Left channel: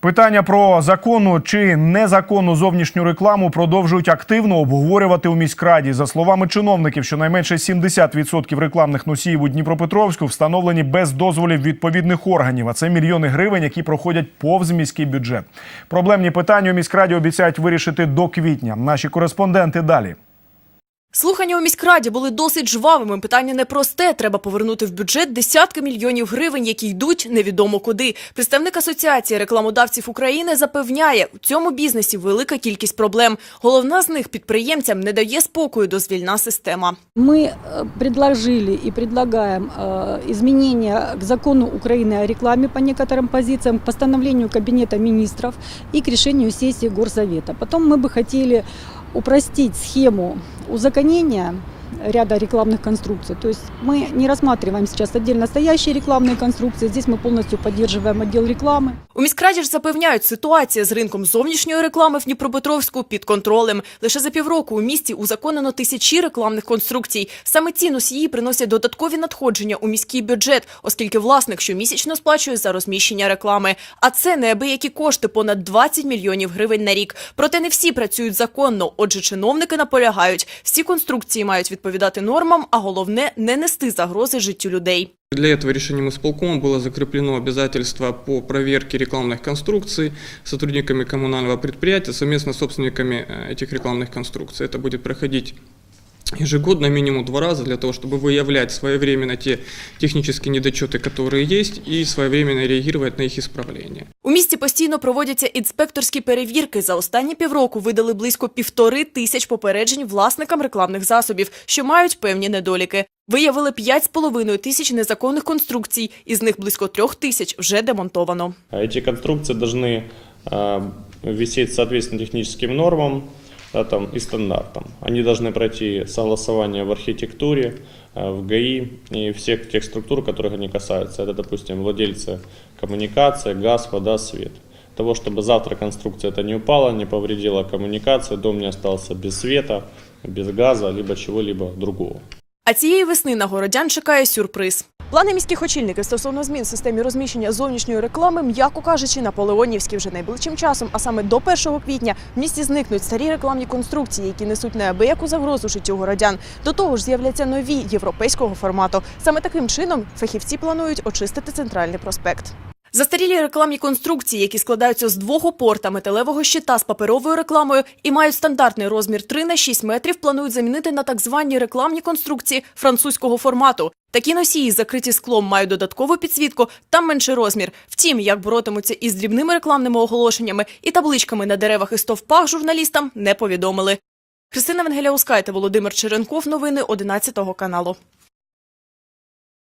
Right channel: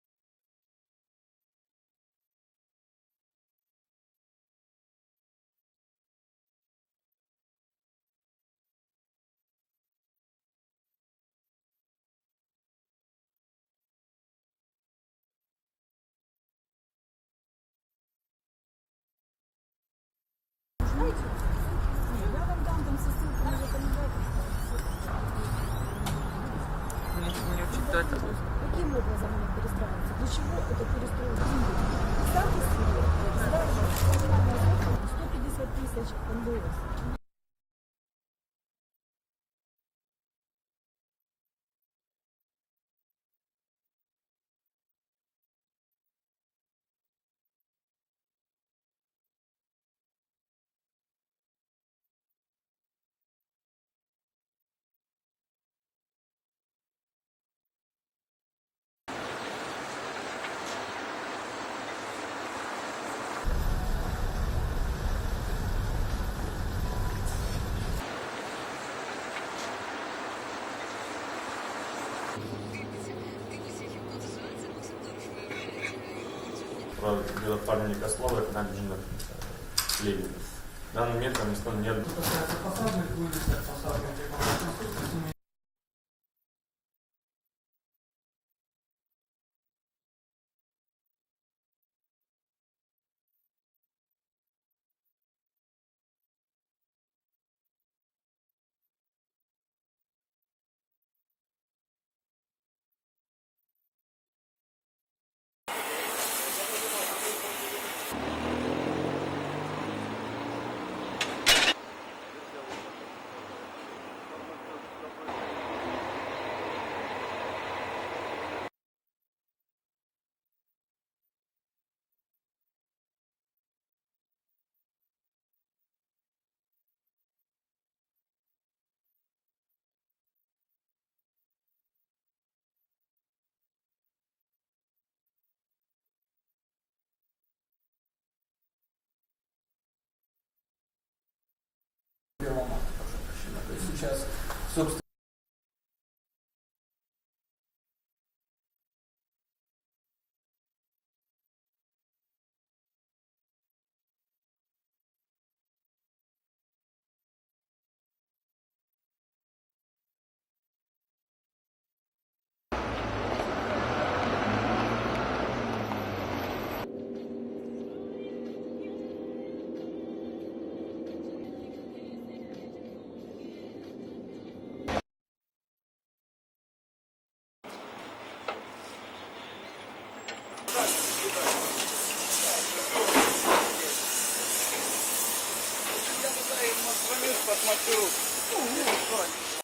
Питання про законну чи незаконну зовнішню рекламу продовжують активно обговорювати у міськраді. За словами чиновників, щонайменше 70% рекламних носіїв у Дніпропетровську встановлені без дозволів відповідних органів. А це мільйони гривень, які проходять повз міський бюджет. Проблемні питання у міськраді обіцяють вирішити до квітня. Наші кореспонденти далі. Слухання у міськраді були досить жвавими. Питання непросте. Треба повернути в бюджет десятки мільйонів гривень, які йдуть невідомо куди. Представник асоціації рекламодавців України запевняє, у цьому бізнесі велика кількість проблем. Головна з них підприємцям не дає спокою дозвільна система. Мы э, предложили и предлагаем э, изменения к закону Украины о рекламе по некоторым позициям, к постановлению Кабинета министров и к решению сессии Горсовета. Потом мы бы хотели упростить схему узаконения ряда рекламных конструкций. То есть мы не рассматриваем сейчас отдельно стоящие рекламные конструкции. Здесь мы полностью поддерживаем отдел рекламы. У міськраді ж запевняють, ситуація з ринком зовнішньої реклами в Дніпропетровську під контролем. Лише за півроку у місті узаконено тисячі рекламних конструкцій. Саме ці носії приносять додаткові надходження у міський бюджет, оскільки власник щомісячно сплачує за розміщення реклами. А це неабиякі кошти понад 20 мільйонів гривень на рік. Проте не всі працюють законно. Отже, чиновники наполягають, всі конструкції мають відповідати нормам, а головне не нести загрози життю людей. Для этого решением исполкома было закреплено обязательство по проверке рекламных конструкций сотрудниками коммунального предприятия совместно с собственниками э, этих рекламных конструкций. Это будет проходить ежегодно минимум два раза для того, чтобы выявлять своевременно те технические недочеты, которые есть, и своевременно реагировать на их исправление. У місті постійно проводяться інспекторські перевірки. За останні півроку видали близько півтори тисяч попереджень власникам рекламних засобів, що мають певні недоліки. Виявили 5,5 тисяч незаконних конструкцій, із них близько трьох тисяч вже демонтовано. А Эти конструкции должны э, висеть соответственно техническим нормам да, там, и стандартам. Они должны пройти согласование в архитектуре, э, в ГАИ и всех тех структур, которых они касаются. Это, допустим, владельцы коммуникации, газ, вода, свет. Того, чтобы завтра конструкция это не упала, не повредила коммуникацию, дом не остался без света, без газа, либо чего-либо другого. А цієї весни на городян чекає сюрприз. Плани міських очільників стосовно змін в системі розміщення зовнішньої реклами, м'яко кажучи, наполеонівські вже найближчим часом, а саме до 1 квітня в місті зникнуть старі рекламні конструкції, які несуть неабияку загрозу життю городян. До того ж, з'являться нові європейського формату. Саме таким чином фахівці планують очистити центральний проспект. Застарілі рекламні конструкції, які складаються з двох опор та металевого щита з паперовою рекламою і мають стандартний розмір 3 на 6 метрів, планують замінити на так звані рекламні конструкції французького формату. Такі носії, закриті склом, мають додаткову підсвітку, та менший розмір. Втім, як боротимуться із дрібними рекламними оголошеннями і табличками на деревах і стовпах, журналістам не повідомили. Христина Венгеляускайте, Володимир Черенков. Новини 11 каналу.